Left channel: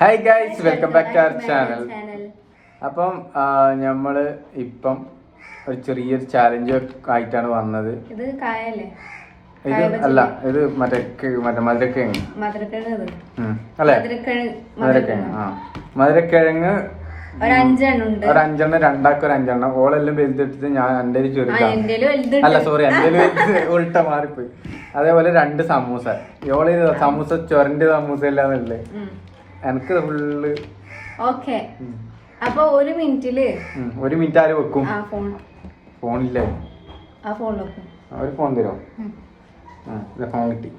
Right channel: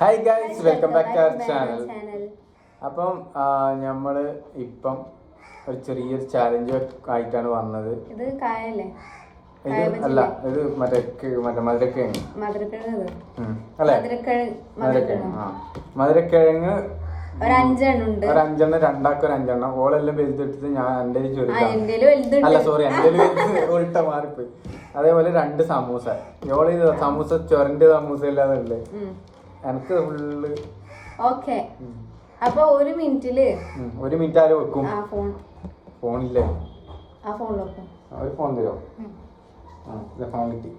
Hi guys welcome back to our channel അപ്പം നമ്മൾ ഇപ്പം ഒരു ചെറിയൊരു ചാലഞ്ച് ആയിട്ടാണ് വന്നത്. ഇത് അല്ല ഇത് മറ്റേ മറ്റേ മധുരക്കിഴങ്ങ്. അല്ലേ? മധുരക്കിഴങ്ങ് ആ. മധുരക്കിഴങ്ങ് ഒരു അഞ്ചെണ്ണം ഒരു രണ്ടാക്കും ഒരു അഞ്ചെണ്ണം ഓളെല്ലാം വലുതെടുത്തിട്ട് ഞാൻ എന്റെ ആ ചെറുതാണ്. അല്ല സോറി എന്റെ ഉൾട്ട മാറിപ്പോയി. അതേപോലെ രണ്ട് സമൂസ. ഇവൾ സമൂസ ചൊരണ്ട് സമൂസ ഇല്ലാന്നുള്ളത്. എനിക്ക് ഫുള്ള് ഓക്കെ. അപ്പൊ ഒരു മിനിറ്റിൽ ഒരു മിനിറ്റ് ആര് വെക്കും? ഫോൺ. ഫോണില്ലേ? ആ ഫോണിൽ വെക്കും. ഒരു ഫോൺ തരുമോ ആ ഫോൺ കിട്ടി.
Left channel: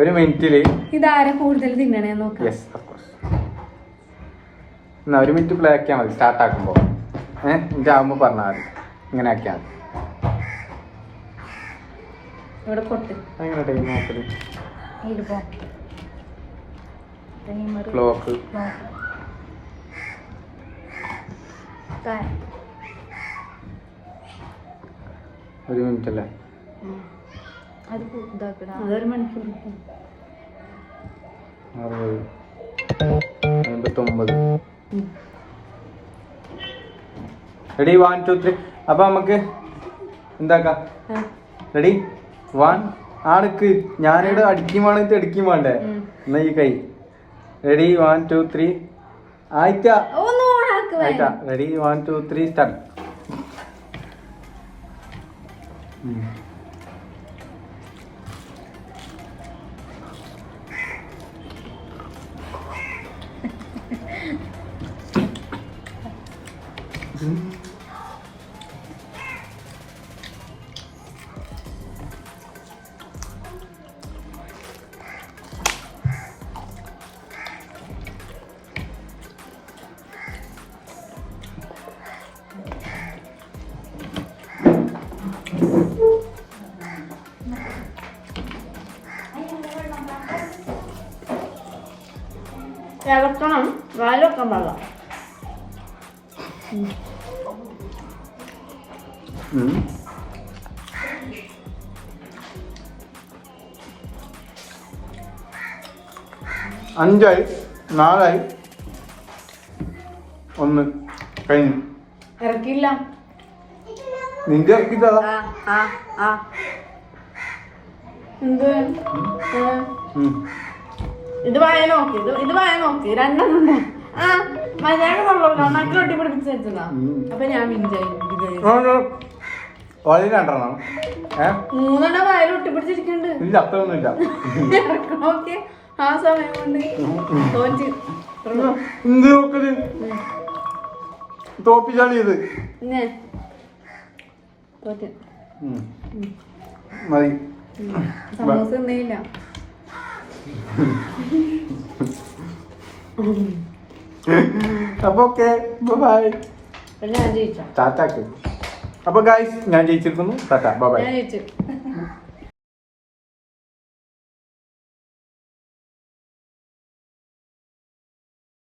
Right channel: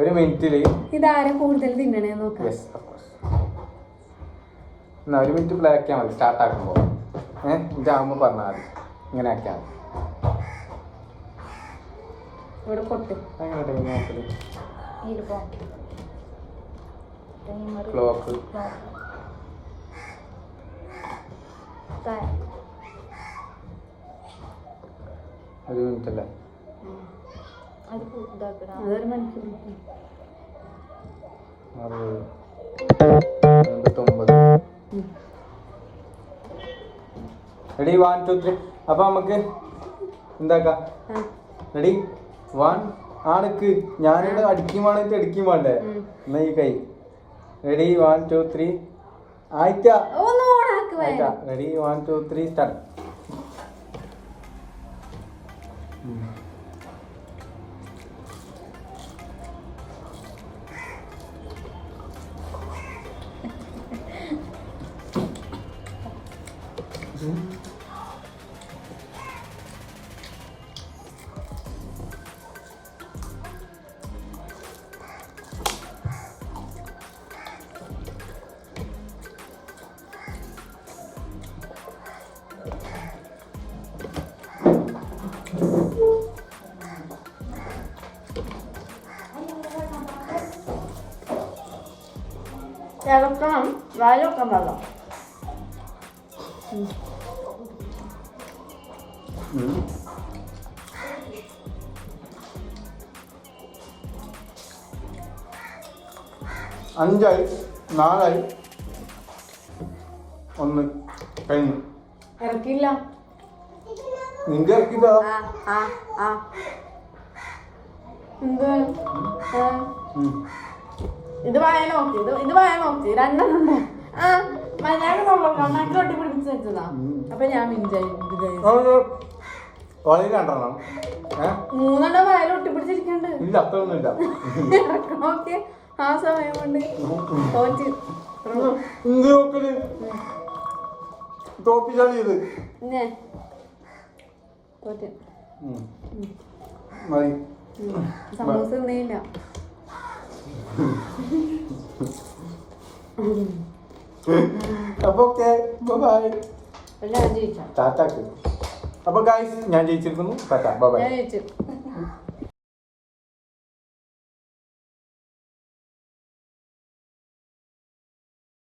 ഒരു മിനിറ്റിൽ ഇതാരാ കൂടുതൽ തിന്നണേ നോക്കാം. യെസ് ഓഫ് കോഴ്സ് എന്നാ ഒരു മിനിറ്റ് പ്ലേ ആക്കിയാൽ മതി. സ്റ്റാർട്ട് ആക്കുമ്പോൾ ഏഹ് ആകുമ്പോൾ പറഞ്ഞാൽ മതി. ഇങ്ങനെ ആക്കിയാൽ മതി. ഇവിടെ കൊട്ട് അതെങ്ങനെ ടൈം നോക്കൽ? ഇരുപോ. Timer. ക്ലോക്ക്. ഒരു മിനിറ്റ് അല്ലേ അതൊരു മണിക്കൂർ ഇപ്പം. അറുപത്. എൺപത്തൊമ്പത്. ഉം. റെഡി വൺ ടു ത്രീ അപ്പം നമുക്ക് എന്താക്കാം? റെഡി വൺ ആണക്ക്. ഞാനിവിടെ അടിക്കും വേണമെങ്കിൽ അടിക്കും വേണ്ടേ? എന്നാ ഈ കൈ. റെഡി വൺ ടു ത്രീ ആയിട്ടാ ready one two three start ഇളക്കണം. വായിലൊക്കെ വെള്ളം. അഞ്ചായി നാലായി. ഒന്ന് കഴിഞ്ഞു. ഇറക്കില്ല നിന്റെ ഇറക്കില്ല എന്ത്. ഇത് വായ നോക്കി ഇത് ഇത് വായ നോക്കി. രണ്ടെണ്ണം ഉണ്ട് ആ മര്യാദ തൊള്ളു കണ്ണാക്കി ഒട്ടി പിടിപ്പിച്ച് വെച്ചതാ. അപ്പൊ ഞാൻ വളരെ രണ്ടെണ്ണം. മൂന്നെണ്ണം വായൽ ഒട്ടിപ്പിടിച്ചിരിക്കണ്ട്. ഇല്ല അത്രയൊന്നും ഇല്ല നോക്കി ആ സമയം കൊണ്ട് തോറ്റി എന്ത് നോക്കൽ? തോപ്പിച്ചാണ് ഇത്. തോറ്റ്. മതി. സമൂസ ഒന്നുമില്ല അപ്പൊ ഓക്കെ ബൈ ടാറ്റാക്ക്. അപ്പൊ ഗായ്സ് ഞാൻ ജയിച്ചിരിക്കുന്നു. ടാറ്റ ബൈ